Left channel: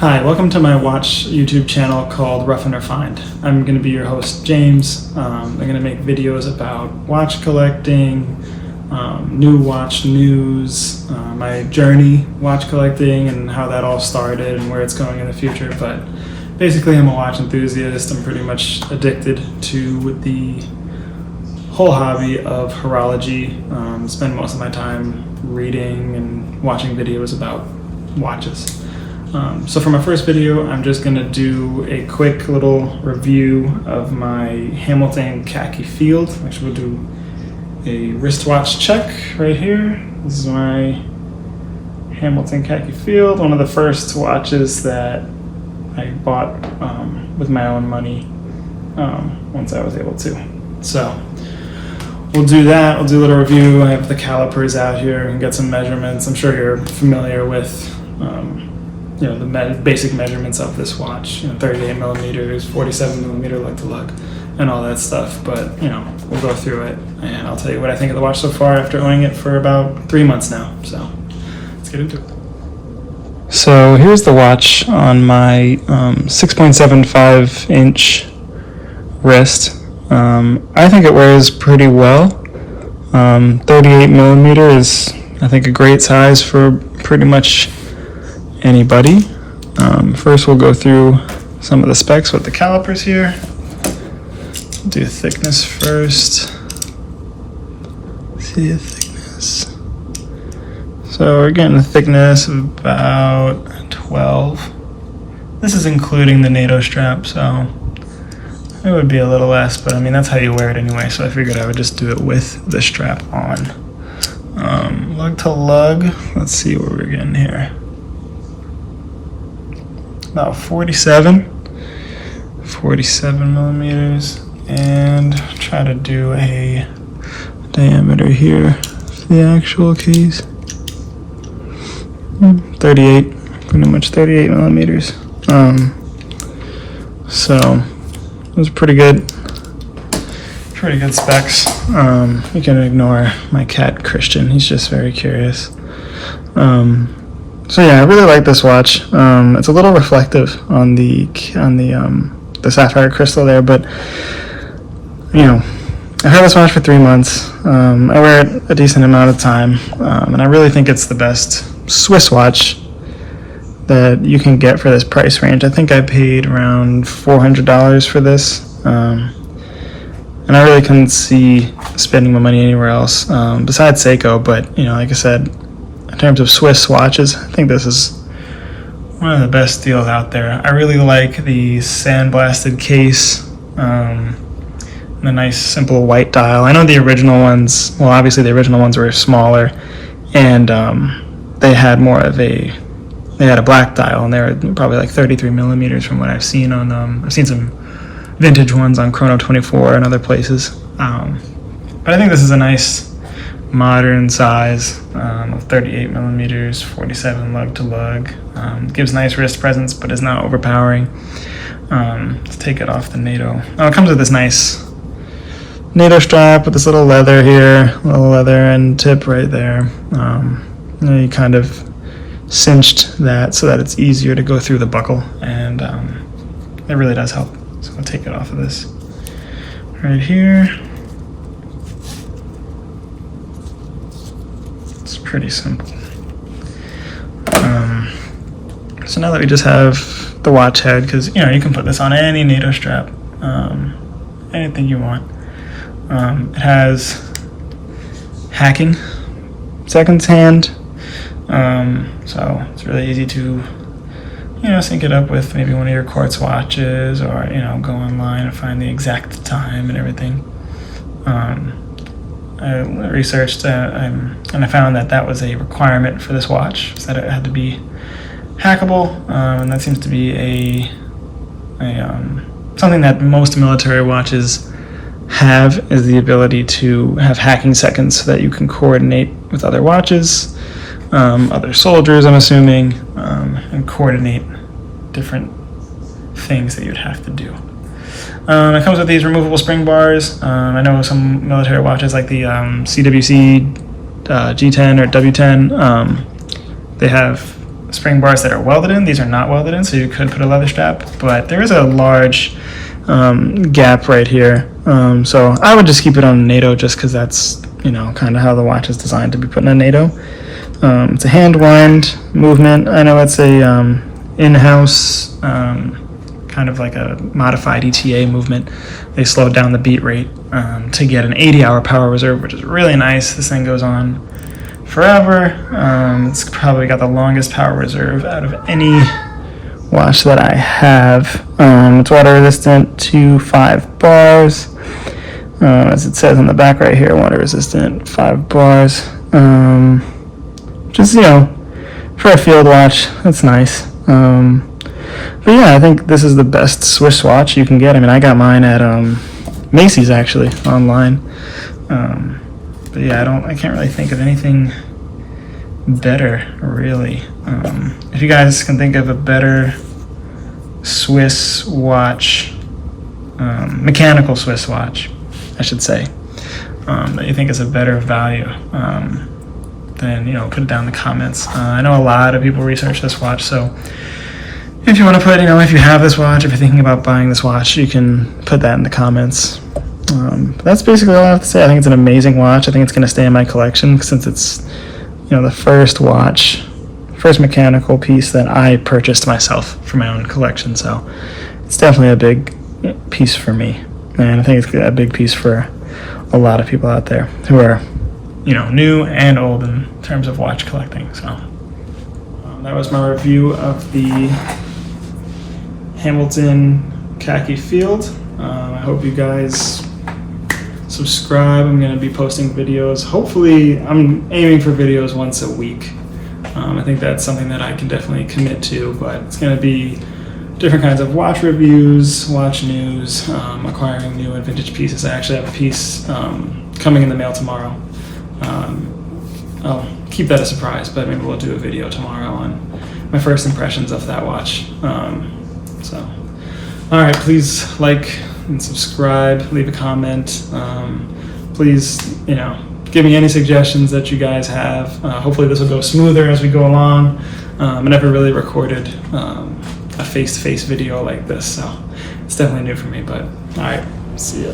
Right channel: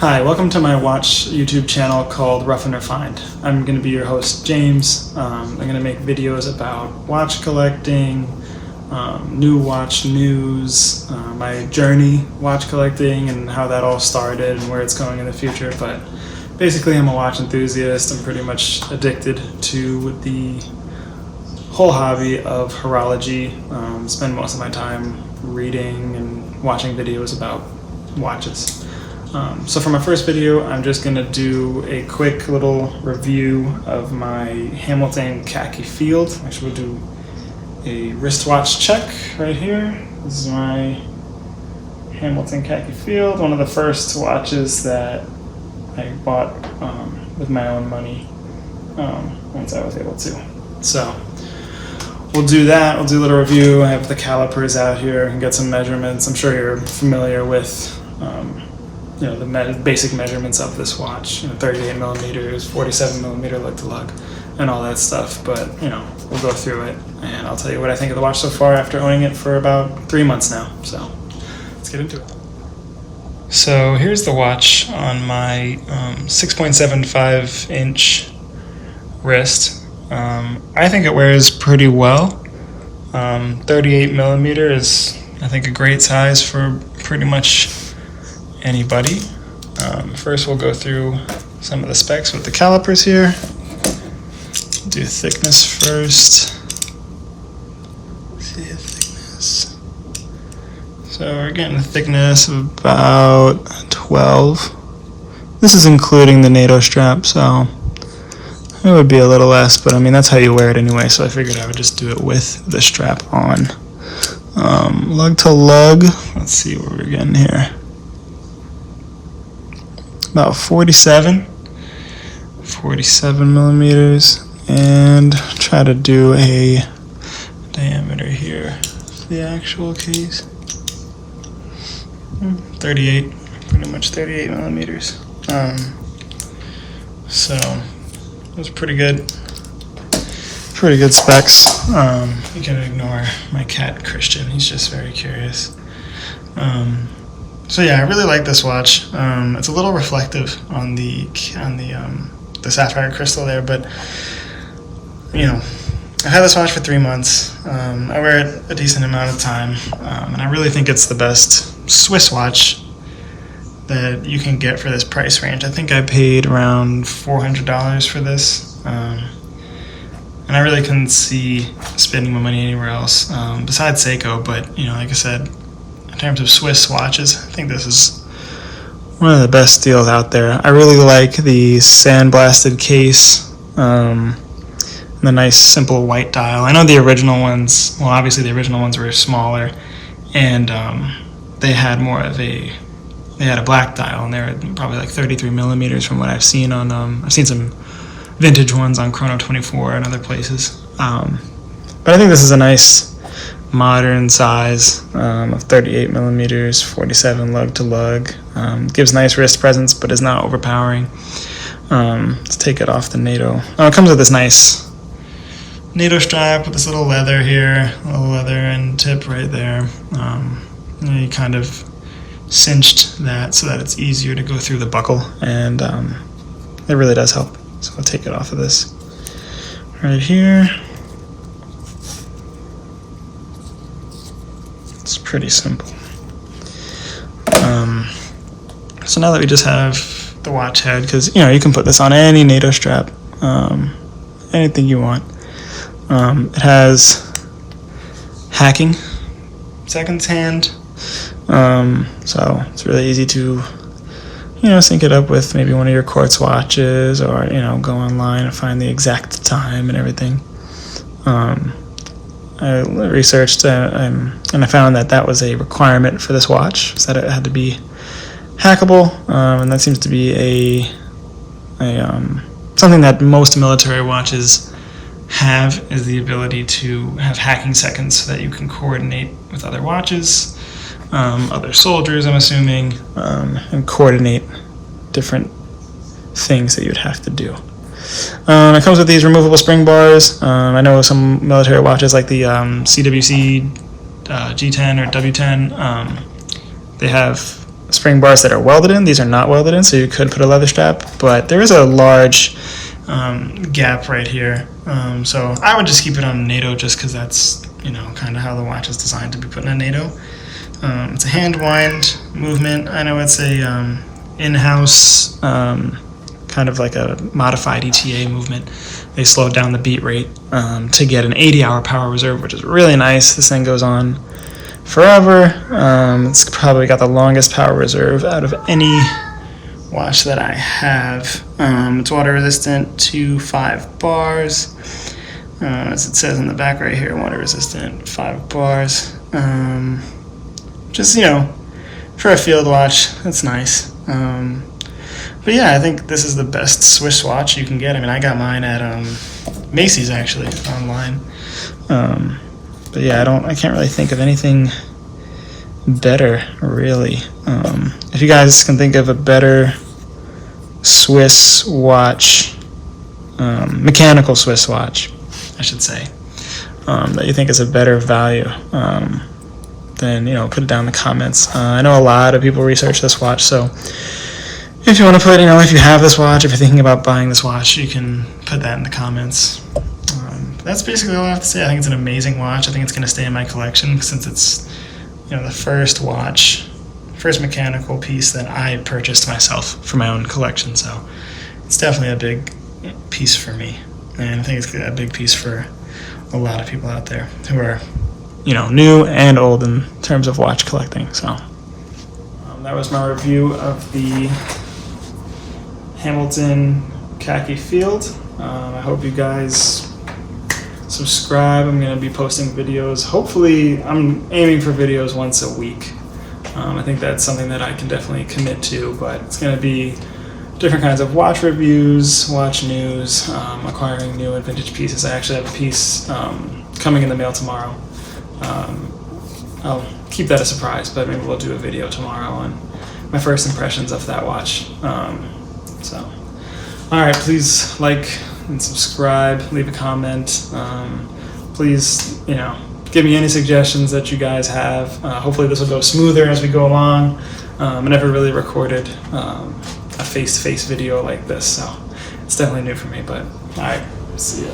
Hi, welcome to my watch YouTube channel called Rough and Refined. I'm going to be your host, James. I'm going to make videos about watch collecting, new watch news, my journey watch collecting and how that all started and where it's going in the future. But basically, I'm a watch enthusiast. I'm pretty much addicted to the whole hobby of horology. Spend most of my time reading and watching videos about watches. So for my first video, I'm just going to do a quick little review of my Hamilton Khaki Field. Actually, we'll do a wristwatch check right here. This is my Hamilton Khaki Field, one of the first watches that I bought with my own money once I was able to. So we'll do that. We'll do a little review. I have the calipers out here and get some measurements. I'm sure you're familiar with the basic measurements of this watch, 38 millimeters, 47 millimeter lug to lug, and all that stuff. But, we'll go through it, and I'll tell you what I think of the watch so far after owning it for about 3 months now. So let's get into it. So here's the watch on my 6.75 inch wrist. I think it wears pretty well. 38 millimeter is, I think, a great size for pretty much anybody. First we'll go through some of the specs with the calipers here. Do thickness first. See the thickness. So we're getting a thickness of about 12. This is including the NATO strap, so it would be a little less, but I mean that's how you wear it anyway, so I figured I would just do it with the strap on. Lug to lug, let's see what we're getting here. About 47 millimeters, and try to do a diameter here for the actual case. 38, pretty much 38 millimeters. So it was pretty good specs. You can ignore my cat Christian, he's just very curious. So yeah, I really like this watch. It's a little reflective on the sapphire crystal there, but I've had this watch for 3 months. I wear it a decent amount of time, and I really think it's the best Swiss watch that you can get for this price range. I think I paid around $400 for this, and I really couldn't see spending my money anywhere else besides Seiko. But like I said, in terms of Swiss watches, I think this is one of the best deals out there. I really like the sandblasted case, the nice simple white dial. I know the original ones, well obviously the original ones were smaller, and they had a black dial, and they were probably like 33 millimeters from what I've seen on, I've seen some vintage ones on Chrono 24 and other places. But I think this is a nice modern size of 38 millimeters, 47 lug to lug. Gives nice wrist presence, but is not overpowering. Let's take it off the NATO. Oh, it comes with this nice NATO strap with this little leather here, little leather end tip right there. You kind of cinched that so that it's easier to go through the buckle, and it really does help. So I'll take it off of this right here. It's pretty simple. So now that we just have the watch head, because you can put this on any NATO strap, anything you want. It has hacking, seconds hand, so it's really easy to sync it up with maybe one of your quartz watches, or go online and find the exact time and everything. I researched and I found that was a requirement for this watch, so that it had to be hackable, and that seems to be something that most military watches have, is the ability to have hacking seconds so that you can coordinate with other watches, other soldiers, I'm assuming, and coordinate different things that you'd have to do. It comes with these removable spring bars. I know some military watches like the CWC G10 or W10, they have spring bars that are welded in. These are not welded in, so you could put a leather strap, but there is a large gap right here. So I would just keep it on a NATO just because that's, kind of how the watch is designed to be put in a NATO. It's a hand wind movement. I know it's a in-house kind of like a modified ETA movement. They slowed down the beat rate to get an 80-hour power reserve, which is really nice. This thing goes on forever. It's probably got the longest power reserve out of any watch that I have. It's water resistant to 5 bars. As it says on the back right here, water resistant, 5 bars. Just, for a field watch, that's nice. But yeah, I think this is the best Swiss watch you can get. I mean, I got mine at Macy's, actually, online. But yeah, I can't really think of anything better, really. If you guys can think of a better Swiss watch, mechanical Swiss watch, I should say, that you think is a better value, then, put it down in the comments. I know a lot of people research this watch, so if you want to put, if you have this watch, if you're thinking about buying this watch, you can put that in the comments. That's basically all I have to say. I think it's an amazing watch. I think it's going to stay in my collection since it's, the first mechanical piece that I purchased myself for my own collection. So it's definitely a big piece for me. And I think it's a big piece for a lot of people out there who are, new and old in terms of watch collecting. So that was my review of the Hamilton Khaki Field. I hope you guys subscribe. I'm going to be posting videos. Hopefully, I'm aiming for videos once a week. I think that's something that I can definitely commit to, but it's going to be different kinds of watch reviews, watch news, acquiring new and vintage pieces. I actually have a piece coming in the mail tomorrow. I'll keep that a surprise, but maybe we'll do a video tomorrow on my first impressions of that watch. All right, please like and subscribe, leave a comment. Please, give me any suggestions that you guys have. Hopefully this will go smoother as we go along. I never really recorded a face-to-face video like this, so it's definitely new for me, but all right, see ya.